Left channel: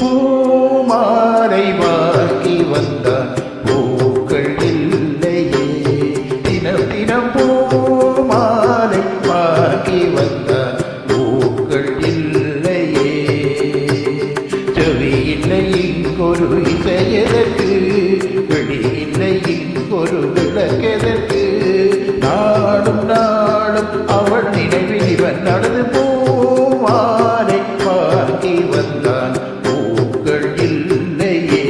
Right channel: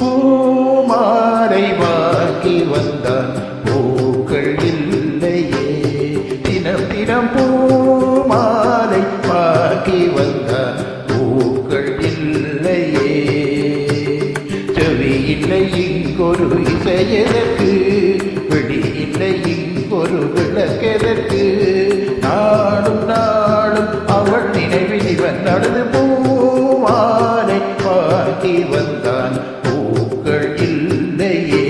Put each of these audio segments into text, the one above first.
பூமாலை வாங்கி வந்தான் பூக்கள் இல்லையே, தினம் தினம் பூமாலை வாங்கி வந்தான் பூக்கள் இல்லையே. செவி இல்லை இங்கொரு இசையதற்கு, வெளி இல்லை இங்கொரு விளக்கெதற்கு, நாடும் நாடும் அவள் நினைவில் இவன் நடந்து பூமாலை வாங்கி வந்தான் பூக்கள் இல்லையே.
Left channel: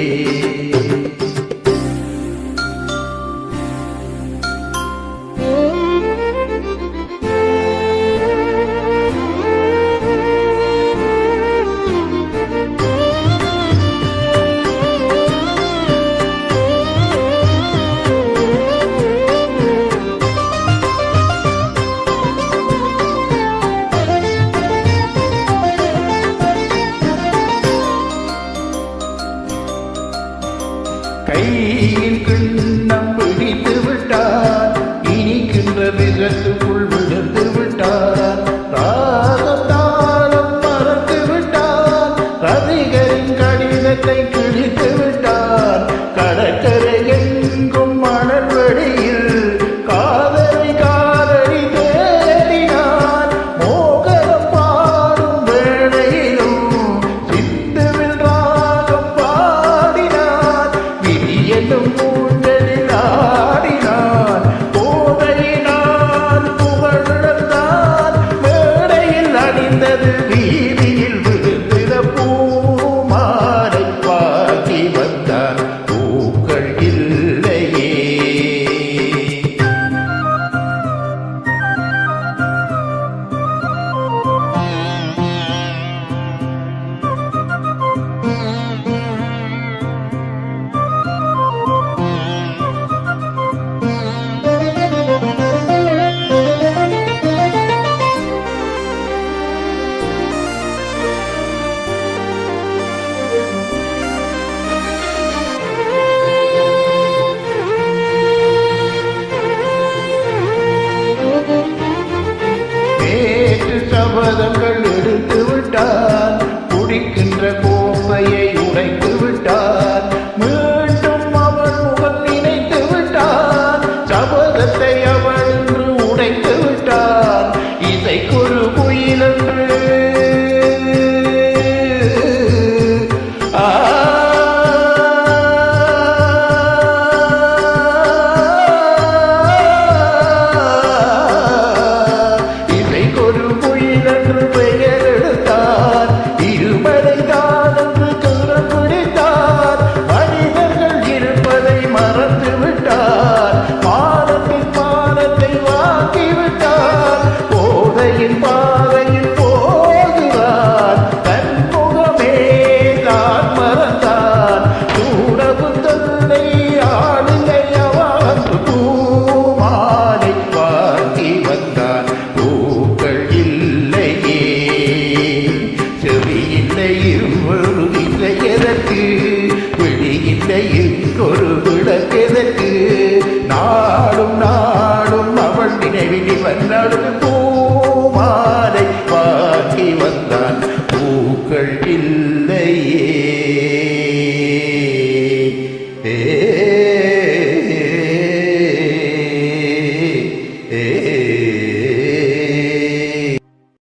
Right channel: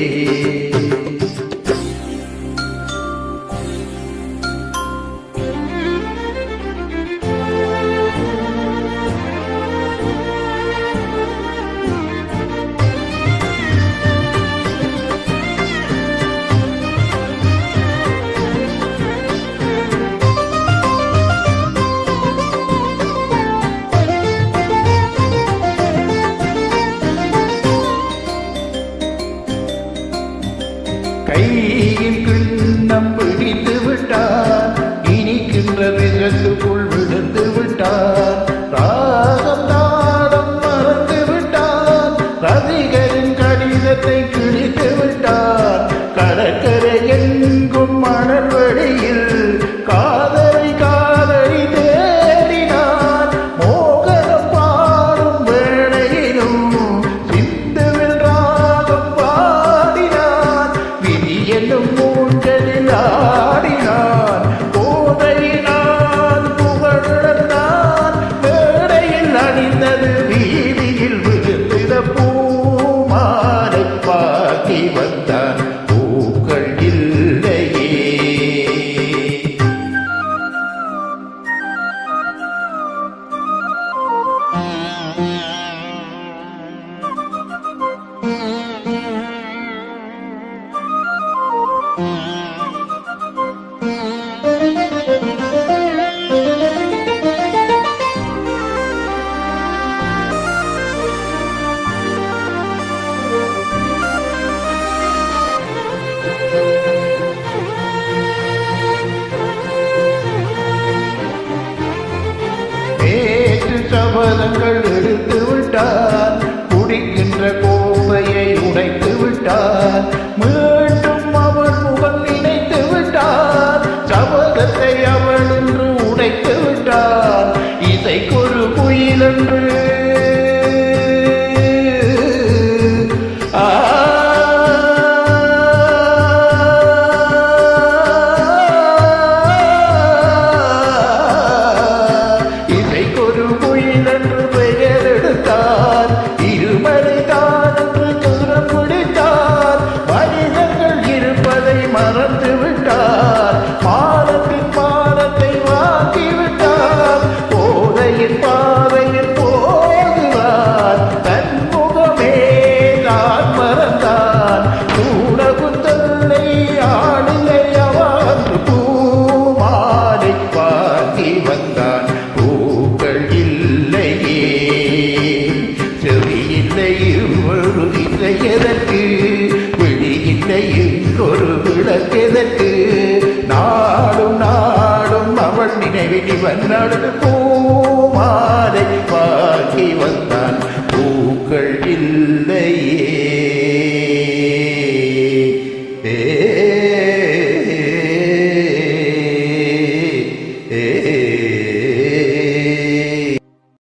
கையில் கிண்ணம் பிடித்து விட்டான், இனிக்கின்ற விஷத்துக்குள் விழுந்து விட்டான், ராகம் தாளம் மறந்து விட்டான், ரசிகரின் கடிதத்தை கிழித்து விட்டான், கடற்கரை எங்கும் மணல் வெளியில் காதலி காதலி தேடினான், மோகனம் பாடும் வேளையிலும் சிந்துவில் ராகம் பாடினான், விதி என்னும் மூன்றலில் ஆடினான், போதையினான் புகழந்தான், மேடையில் அணிந்தது வீதியில் விழுந்திட பூமாலை வாங்கி வந்தான் பூக்கள் இல்லையே. நேற்று சபதங்கள் எடுத்து விட்டான், குடிக்கின்ற கோப்பையை உடைத்து விட்டான், மீண்டும் அவள் முகம் நினைத்து விட்டான், சபதத்தை அவள் என்று உடைத்து விட்டான், இசைக்கொரு குயில் என்று ஒரு குயில் என்று பெயர் எடுத்தார், இருமலை தான் என்று தூரம் பிடித்தார், மனிதர்கள் இருப்பதை மறந்து விட்டார், மானத்தின் மானத்தை வாங்கி விட்டார், போதையின் பாதையில் போகிறார், தன் முகமே தான் மறந்தான், சூடகும் தொல்லை ஆளில்லை அவன் பூமாலை வாங்கி வந்தான் பூக்கள் இல்லையே. செவி இல்லை ஒரு இசையதற்கு, விழி இல்லை இங்கொரு விளக்கெதற்கு, நாடும் நாடும் அவள் நினைவில் இவன் நடந்து பூமாலை வாங்கி வந்தான் பூக்கள் இல்லையே.